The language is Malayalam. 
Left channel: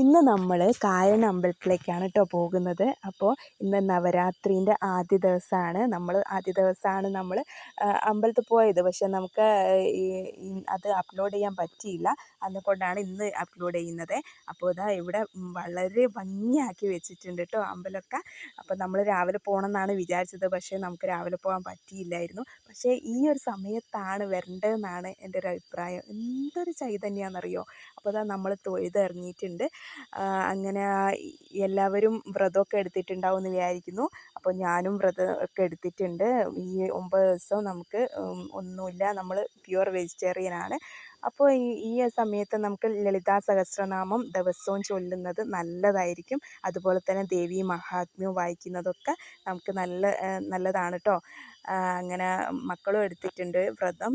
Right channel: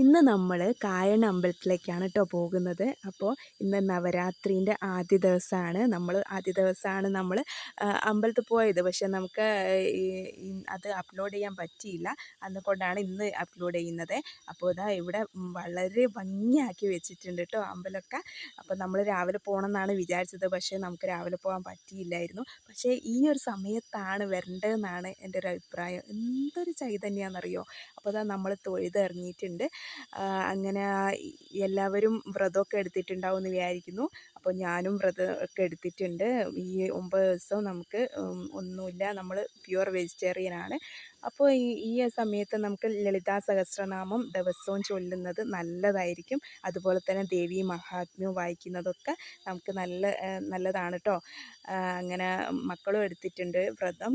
ഇന്ന് നമ്മൾ കായണ്ണ അമ്പലത്തിലേക്കാണ് കേട്ടോ പോകുന്നത്. അപ്പോൾ ഇന്ന് നവരാത്രീൻ്റെ ആദ്യ ദിവസമാണ് നമ്മൾ അമ്പലത്തിൽ പോയത്. പക്ഷേ നമുക്ക് ഈ അത് അപ്ലോഡ് ചെയ്യാൻ പറ്റിയില്ല. അതുകൊണ്ടാണ് ഇന്ന് അപ്ലോഡ് ചെയ്യുന്നത്. അപ്പോൾ ഇതാ ഇവിടെ വളരെ ഭംഗിയാക്കി വെച്ചിട്ടുണ്ട് കേട്ടോ അമ്പലമൊക്കെ. അപ്പോൾ നമ്മൾ രാവിലെ പോകണം എന്നാണ് വിചാരിച്ചത്. പക്ഷേ നമുക്ക് രാവിലെ പോകാൻ പറ്റിയില്ലായിരുന്നു. പക്ഷേ ഈ ഒരു സമയത്താണ് വരേണ്ടതെന്നാണ് എൻ്റെ ഒരു അഭിപ്രായം. എന്തൊരു ചൈതന്യമാണെന്നറിയോ. അപ്പോൾ ഇതാ നമ്മൾ തൊഴുതിറങ്ങിയിട്ടുണ്ട്. അങ്ങനെ എല്ലാവരും വ്രതമൊക്കെ എടുത്തിട്ടുണ്ടാവും എന്ന് വിചാരിക്കുന്നു. അപ്പോൾ ഞാനും വ്രതമൊക്കെ എടുത്തിട്ടുണ്ട്. ഈ 9 ദിവസവും നമുക്ക് ഒന്നുമില്ല, നമ്മൾ പ്യുവർ വെജിറ്റേറിയനാണ്. അപ്പോൾ ഈ സമയത്ത് നമുക്ക് ലളിതാ സഹസ്രനാമം ദിവസവും ചൊല്ലുന്നത് നല്ലതായിരിക്കും. അതുപോലെ തന്നെ ദേവീ മഹാത്മ്യവും വായിക്കുന്നതൊക്കെ നമുക്ക് നല്ലതാണ് കേട്ടോ. അങ്ങനെ മക്കളും എടുത്തിട്ടുണ്ട് വ്രതം.